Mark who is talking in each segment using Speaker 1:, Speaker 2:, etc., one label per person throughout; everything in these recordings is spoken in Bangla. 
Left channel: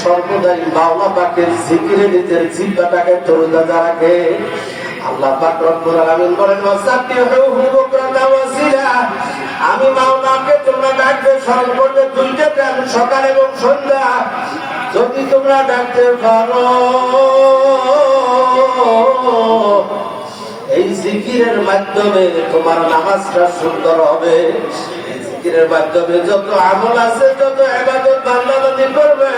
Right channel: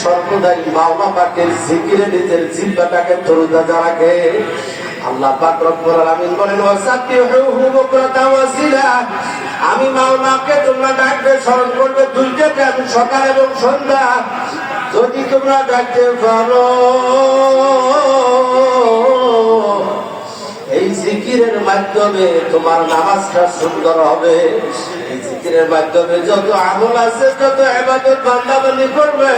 Speaker 1: সর্বদাই মাওলা পাকের জিকিরে নিজের জিব্বাটাকে তরুতাজা রাখে আল্লাহ পাক রব্বুল আলামিন বলেন ওয়াসিলা। আমি মাওলাকে তোমরা ডাকবে, স্মরণ করবে, দুইটা টাইম সকাল এবং সন্ধ্যা। যদি তোমরা ডাকতে পারো, এই জিকিরের মাধ্যমে তোমার নামাজটা সুন্দর হবে। জিকিরের মাধ্যমে যত আমল আছে যত এবাদত বান্দাবান্দি করবে।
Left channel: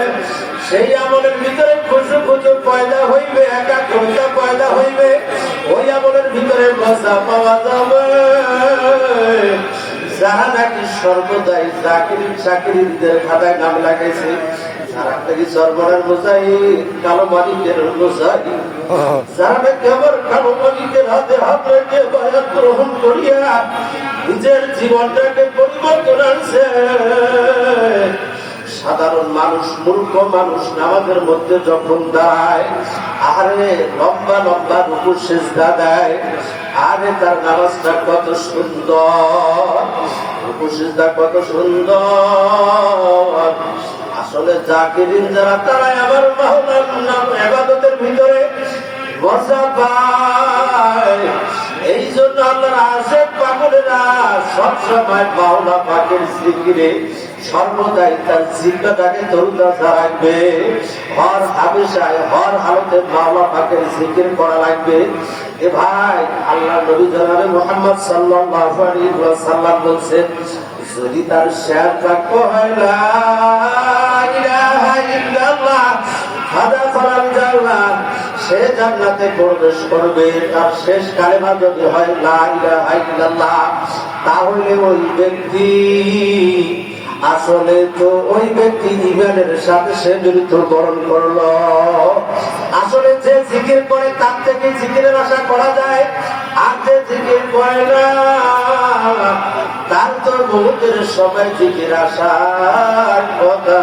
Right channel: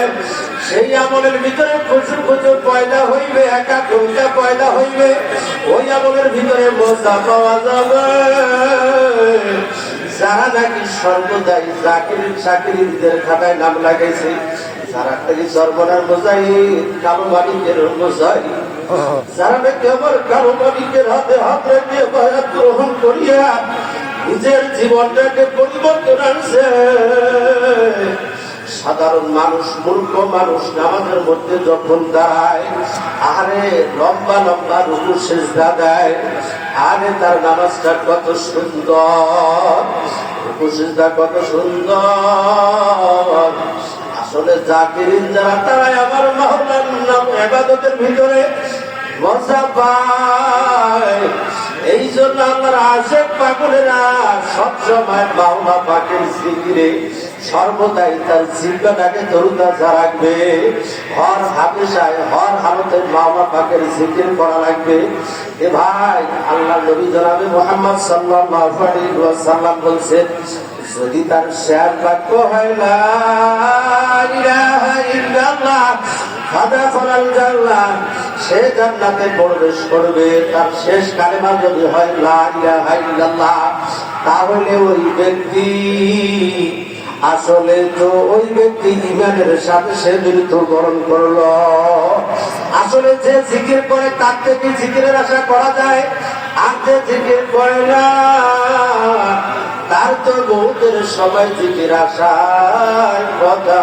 Speaker 1: সেই আমলের ভিতরে খুশু খুশু পয়দা হইবে একাগ্রতা পয়দা হইবে। ওই আমলের ভিতরে মজা পাওয়া যাবে যারা নাকি সর্বদাই চাকরি চাকরিদের খাতায় নাম লাগাইছে যারা নাকি সর্বনার বোঝাই কালো মালিকের বোঝাই যারা নাকি আমার কালো মালিকের হাতে হাত রেখে গ্রহণ করিয়া নিজের জীবনটাকে পরিবর্তন আনছে। সাধারণ মানুষ, মূর্খ মানুষ নামাজের মধ্যে যখন দাঁড়ায় আরে লম্বা লম্বা রুকু সেজদা দেয়, আরে তার নামাজটা কত সুন্দর রুকু সেজদা কত সুন্দর। আসলে জাকিরিন যারা, তারাই আবার মাহলার নাম এবাদতের ভিতরে মজা পায়। এই জন্য আল্লাহর আশেক পাগলেরা সবসময় মাওলা পাকের জিকিরে সর্বদাই তার জিব্বাটাকে তরুতাজা রাখবে। হর হামেশায় হর হালতে মাওলা পাকের জিকির করা লাগবে। এ ভাই, আল্লাহ নবী জনাবে মোহাম্মদ সাল্লাল্লাহু আলাইহি ওয়াসাল্লাম বলছেন, যদি তার শেয়ার বাক্য হয় না ইলাহা ইল্লাল্লাহ হাদা ফালাল জান্নাত। সে জান্নাতে প্রবেশ করবে, তার শেষ কালেমা যদি হয় তাহলে ওই ব্যক্তি আসলে তো ওই ব্যক্তি ইমানের সাথে সে মৃত্যুবরণ করল। আসলে যে জিকির করে, তার থেকে জিকিরের আশা করা যায়। আর যে জিকির করে না, তার তো বহুদের সবাই জিকির আশায় কথা।